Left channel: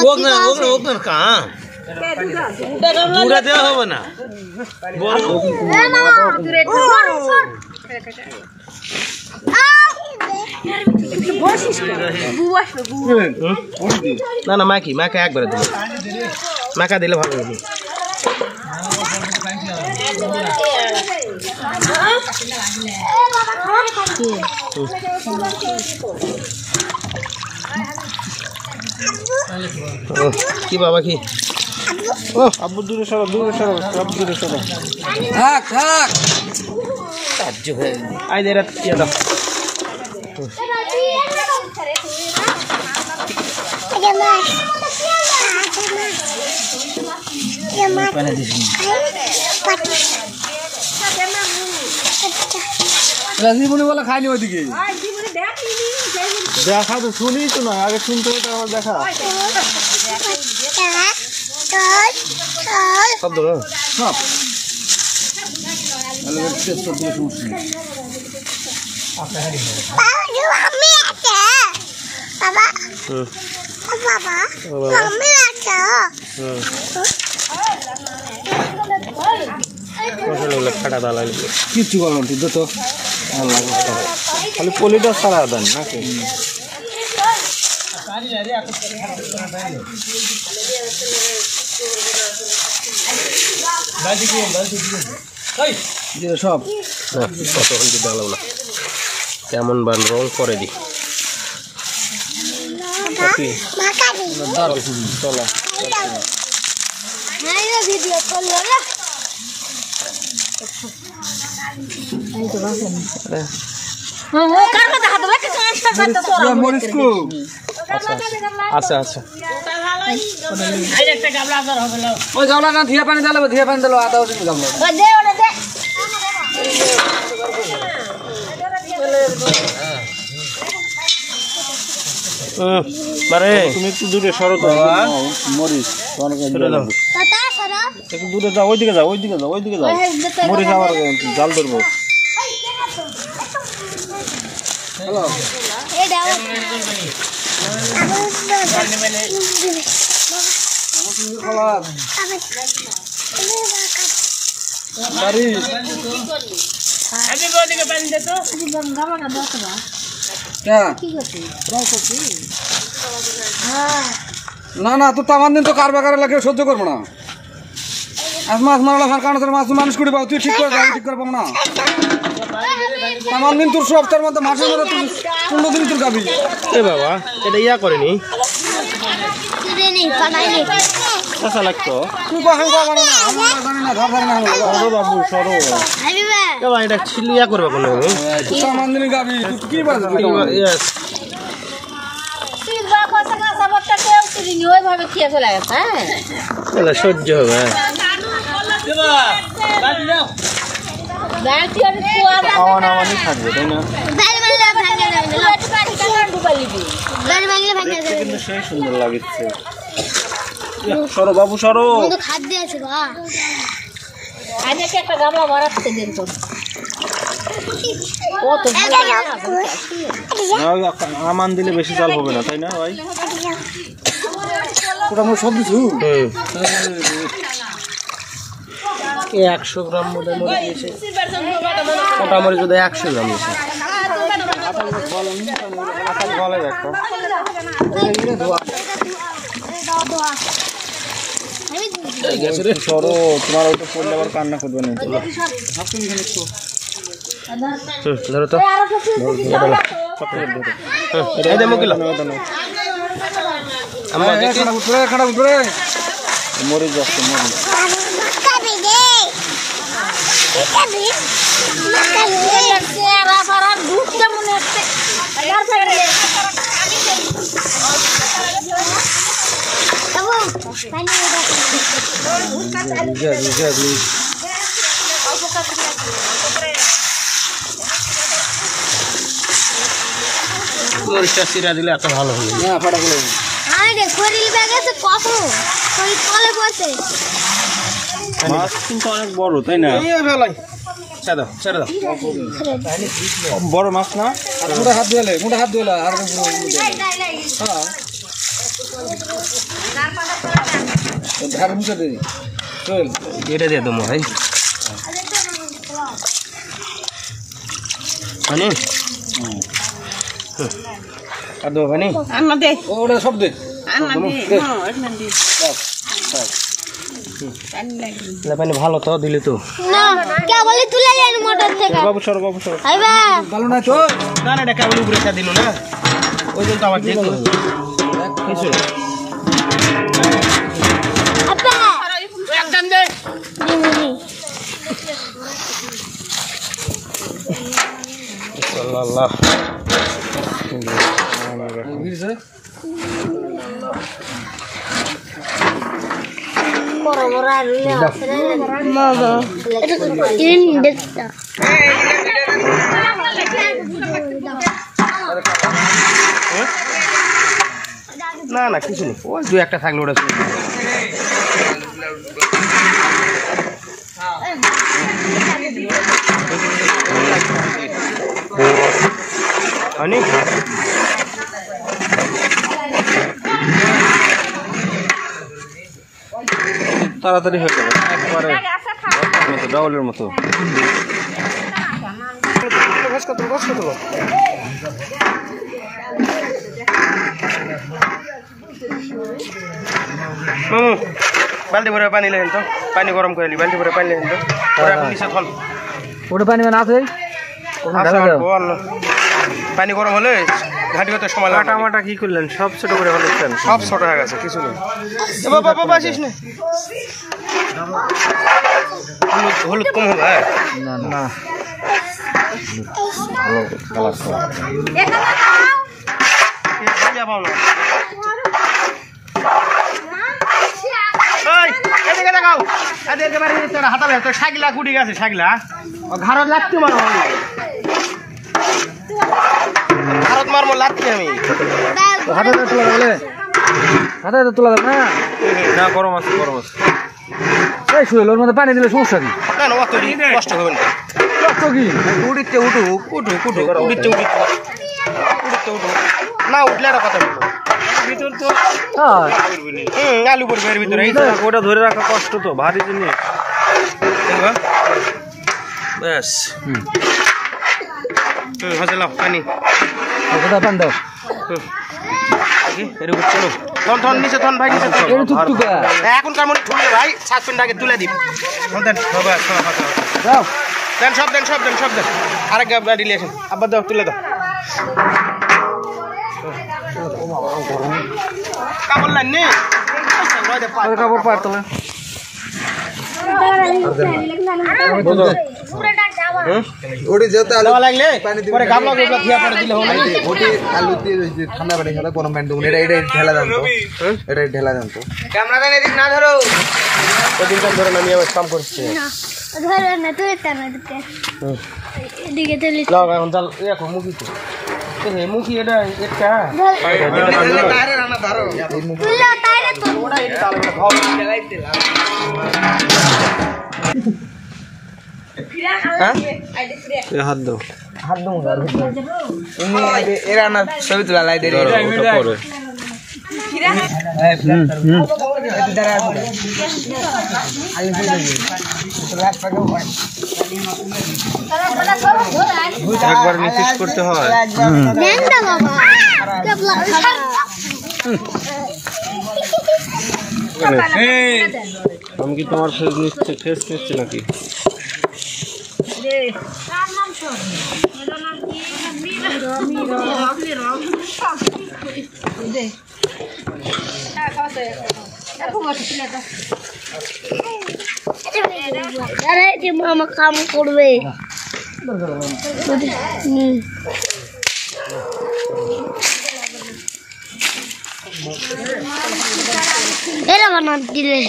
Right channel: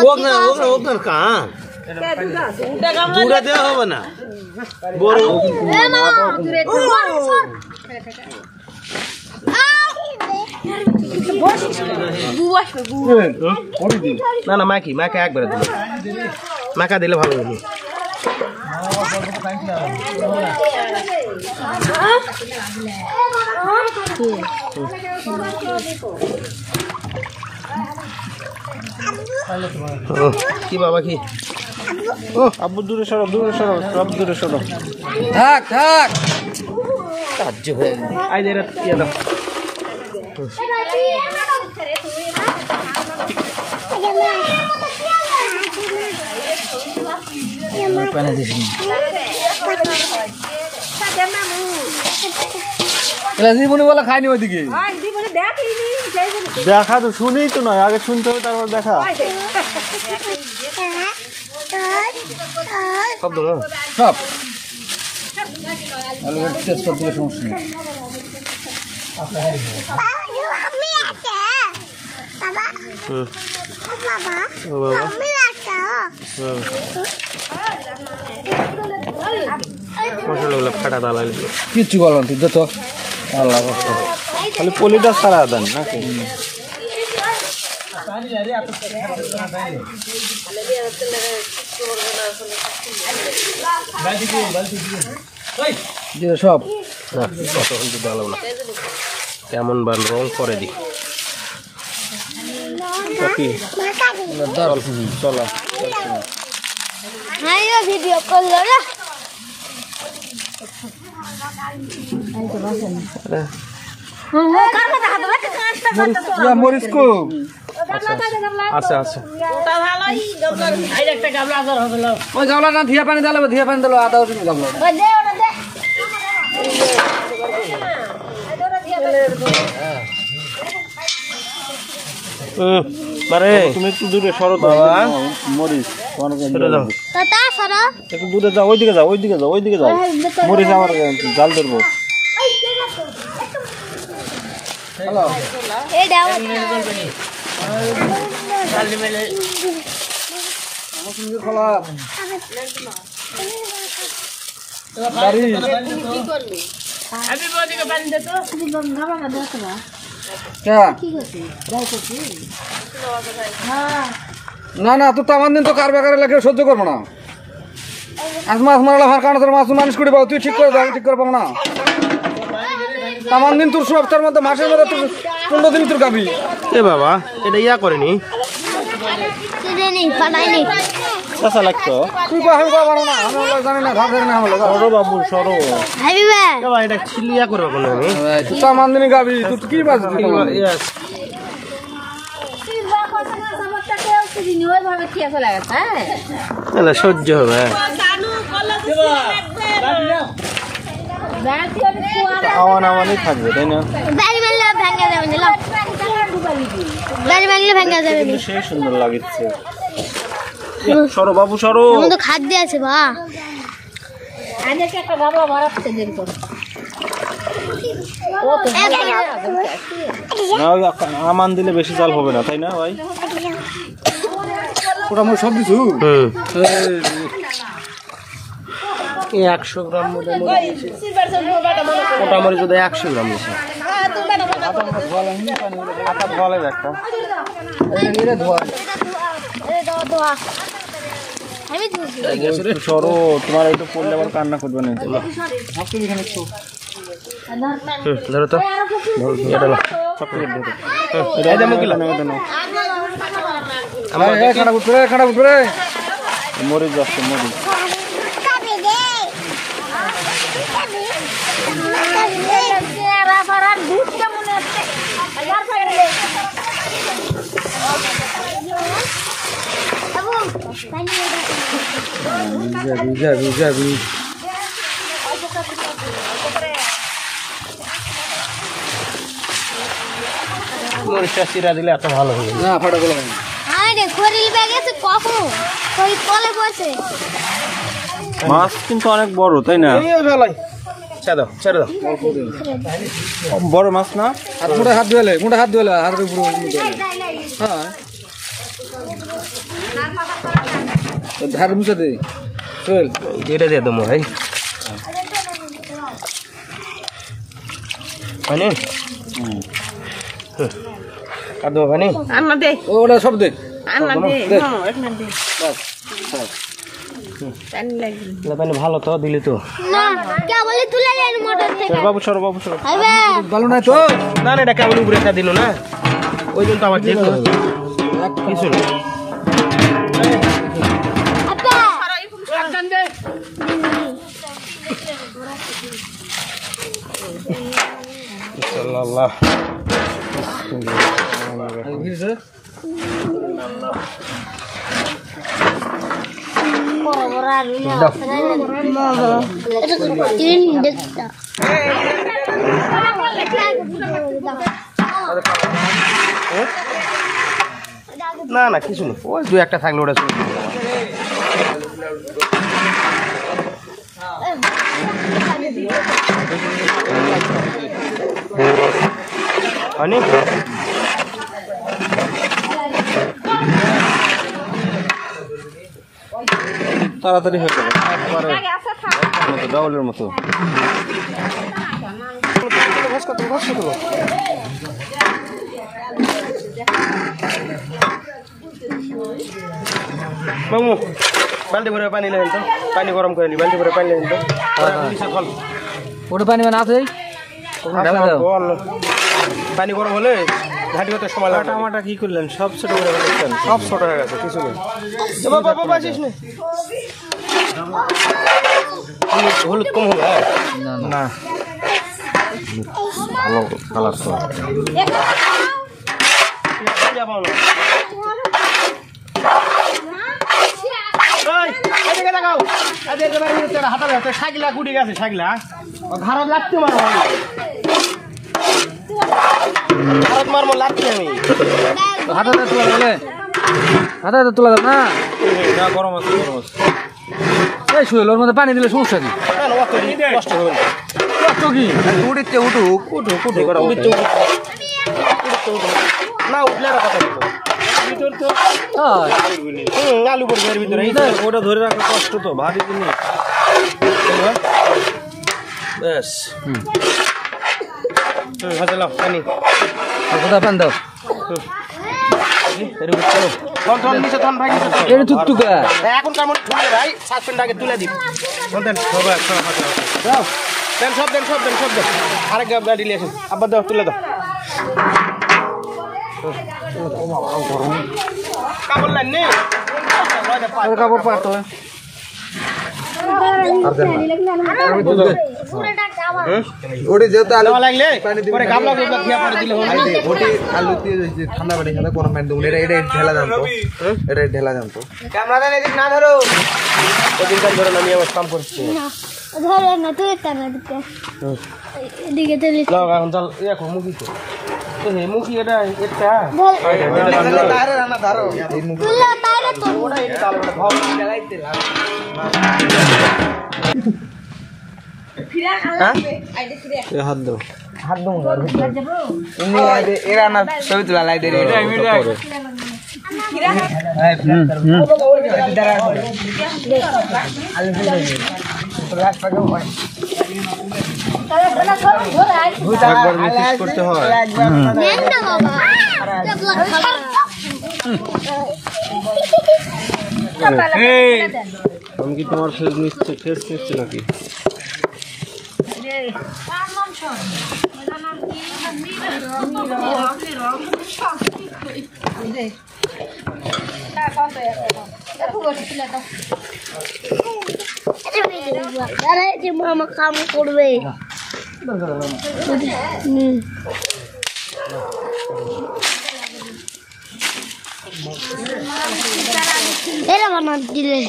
ওখানে কাঁ দূরে দেওয়া হবে না গরু না না মাখি মাখা একবারে দিলে মাখা দিলে ভালো হবে কি বাবা কি ও আব্বু দূরে সরো সব দূরে সরো থাক কাজ হয়ে আই দে রাত কি দাও পানি দিস জীবনে বলা খাইনি ওইদিকে দেখা তো শুনি তো না আগে শুনতে হবে তারপর দেখা সব ধরো সব মশলাগুলো ফাটা দালা কিচ্ছু বলেন তুই যত খালি পলিটা সারা দেন নাকি সব কেমন বান রং করে দি চলা আচ্ছা আচ্ছা ওই গামলা না ধীয়া পানি দিল আদা ওষুধ গামলা বারে তুমি একটু দূরে সরো বাবা মরিচ একটু দূরে যাও ওইদিকে যাও মরিচ আমার জাল ধরবো না না তো আমার দিন তো কার বাকারে লাগে সহ্য করবো না আজ মাছ মারলে আমার কারণে তোর মাছ মানুষ করে পাবো তুই ঠিক করে যাবি ঠিক করে পাবো না আমার দিন তোর সপ্তাহের মধ্যে মাসে ধরে তুই 15 দিন তোর গাবি এ বাবা এটা ইয়া করেনি আচ্ছা লাগতো তুই কখন কখন না আমরা জানি না ধার না হলো সরো বাবু সরো এ ভাই এটা ছিলিয়া করবে কোন তুই তো আমার দিন গাবি তুই কি বাজবি ইয়েস সহ্য হবে আওয়ানি থাকবে তাই না কিন্তু সেই সুন্দর লাগছে সরো বাবু সরো খাদ্য আছে বা আমি একটা গামলা ভরাতে দেন তো আমান দিলে বেশি চাল হবে না তাই না ভাই ওটা আমি সব কিছু 100 গ্রাম মোটামুটি যদি 100 গ্রাম দিয়েছে সরো তোমার ওইটা পড়লে আবার কান্না করবে না ধরো তো মরিচ যাচ্ছে মরিচ মরিচটা চিরা দিলে এত ভালো হবে না ফটা বলে আরে শরীর ব্যাগেছে কত ওই কলে পড়ছে মাছ কিন্তু অনেক বড় তাই না এই ভালাই ছেড়ে দাও বড় মাছ না আর মুঠে হাত ধুলে হাতের উপরে হ্যাঁ ধার মুখে দে চল এটা দিয়ে দেবো ভাই পানি আর দেবো পানি ওটা সব দে পানি ভালো তো দিলি তো বাবু সর ভালো না তো না এটা কেবল উপরে দিল না ওই জন্য তো আমার দেখতে হবে কিছু আল্লাহ না না কিছু নেই ওই দু একটা থাকলে ওটা অনেক তাড়াতাড়ি হয়ে যাবে একবারে ডাউলের মতো মামু বালতি ভরে পানি লেন তো পানি গরম করে বালতি ভরে পানি লেন তো ওটা পানি মানে আছে পানি গরম হলে ঘাটি হতে সময় লাগে টামাটা কি করলেন সব ছোট করে ফেলেছেন সব ছোট হয়ে গেছে কিছু নেই বাবা আসিস না হলুদ কম হবে না ভালো কালার সাইকেলা কুটি গেছে সাইকেলা ঘাড়ত লাগতে মারো ঘাড়ত মারবো লাগছে আমি হাতে তোলা বলে হাতে তোলা না না গরম আছে এই শুয়ে ওর মধ্যে পানি দিলে সমস্যা কি না না অত কষ্ট হবে না কষ্ট কি উঠতে উঠুক না উঠলে একটা কথা বলো ভিতর তো আলু পড়বে এর ভিতরে ওটা ধরে রাখা কষ্ট তো ভারী জিনিস ব্যাস হাতে লাও পানি কোথায় পান দাও থন নিচে থন ভাই নিচে এখনকার মধ্যে ঠুলে ভাই সাসপেন্ডটাকে তুলে দিন যাও দেন সব দেন আরেক গাড়ি নিয়ে আসেন আবার দাও তুলে দাও কাপড় লাইন নেই কাপড় পার তোলে ওটি যেহেতু আলু লাগলে পানি দিলে গামলা খেয়া পরে দিলে ওটি আলু দিয়ে ঠান্ডা পানি খেলে গরম পানি দেবো এটা ঢেলা জানতো এটা ঢেলা জানতো ক্যামেরাটা এদিক না ধরো ওদিনকার ধরে আমি কাম করছি ধরে না তুই টানা দিতে এদিকে তুলি লাও এখন চাল এখন মুখি তো এই মুখি এটা তারে রান্না ধরো তুইলা তাইরে তো ভাব লাগাইতে হ্যাঁ হাত দাও তুমি এরা না ছবি তোলা লাই দেরি পরে একবার মিক্স করতে হয় নেন্দা বাবা কেবলা আমি কি তোমার ফেস নিচ্ছে নাকি আরে যে মামা কাম করবে এরা বানা দিলে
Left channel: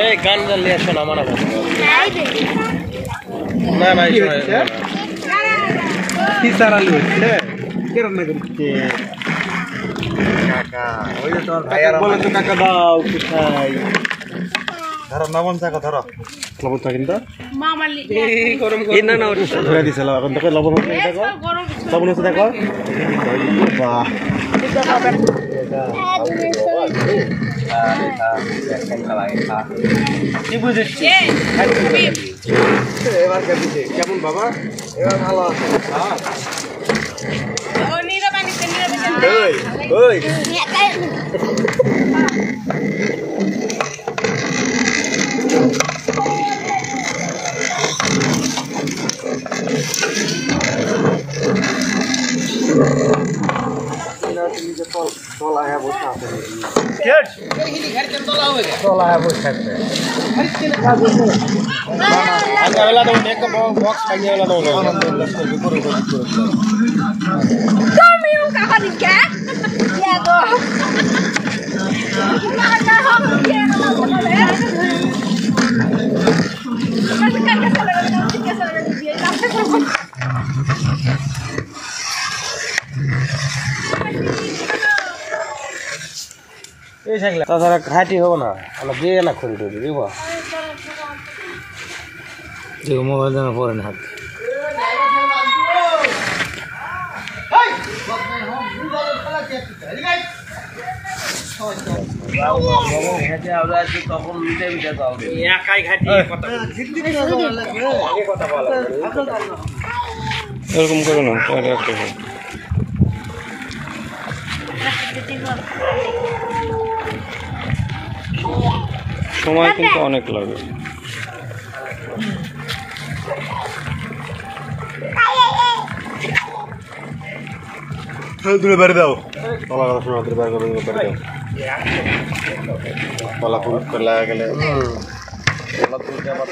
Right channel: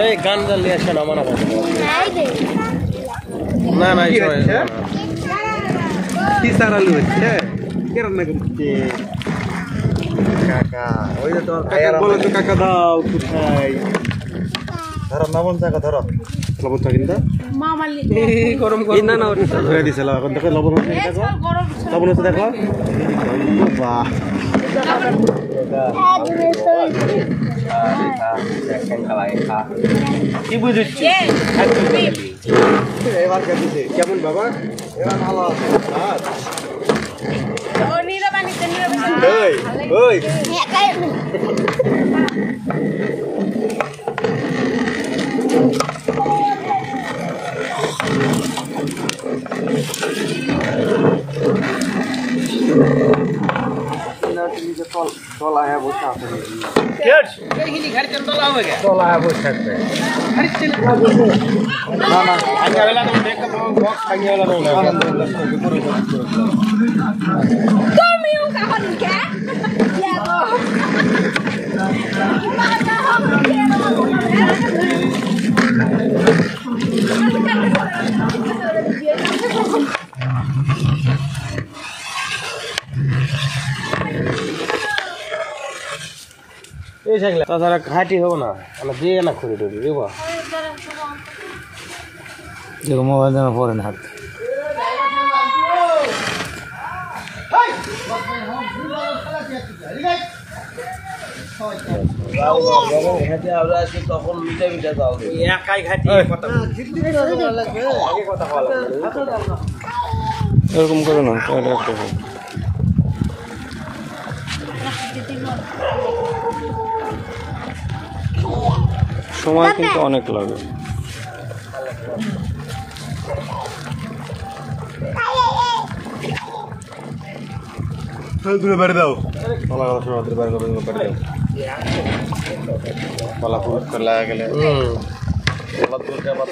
এই গান নিয়ে আসো না মানা না না কি সারালু রে কেরম কাকা ওই যে তোর ভাইয়ার কাকা দাও কোথায় ধরো নবম টাকা ধরো লবণ থাকে না মামালি গরম করে না না ওটা ধরে দিছিল এখন দেখো লবণ হচ্ছে দেখো লবণ হচ্ছে দেখো বাহ কি বুঝেছি এবার কেমন বাবা এবার ভালো আছে ওই ওই তাছাড়া হাঁটি হবো না আমরা দিয়ে না খুবই টুবি বুঝবো দেখো মোবাইল দামে পড়ে না হাত এরকম করে না একটা সময় কিন্তু অনেক লাগে দূরে বেড়ে দাও কলা কথা শোনা দূরে বেড়ে দাও কলা ফুট করে লাগা গেলে কলা তুলতে আবার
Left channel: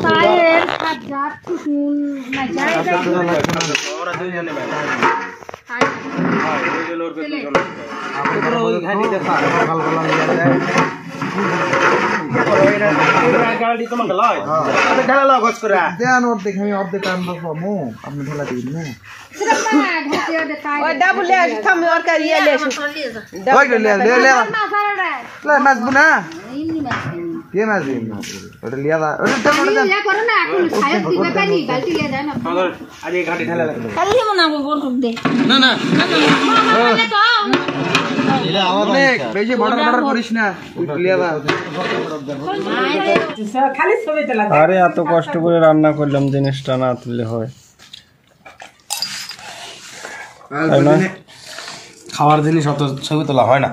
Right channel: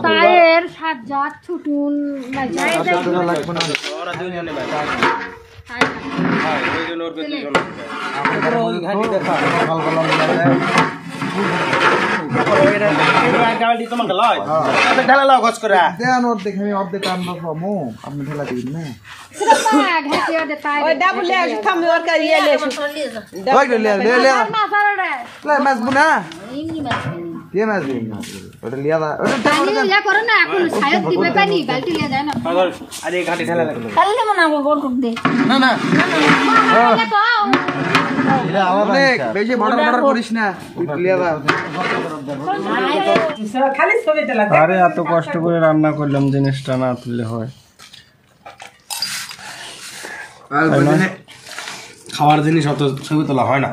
টায়ার হাজার টুকুন না যায় আরে এত কষ্ট করে রান্না করলাম জিনিসটা না তুললে হয় খাওয়ার জিনিস অত ছবি তোলা হয় না।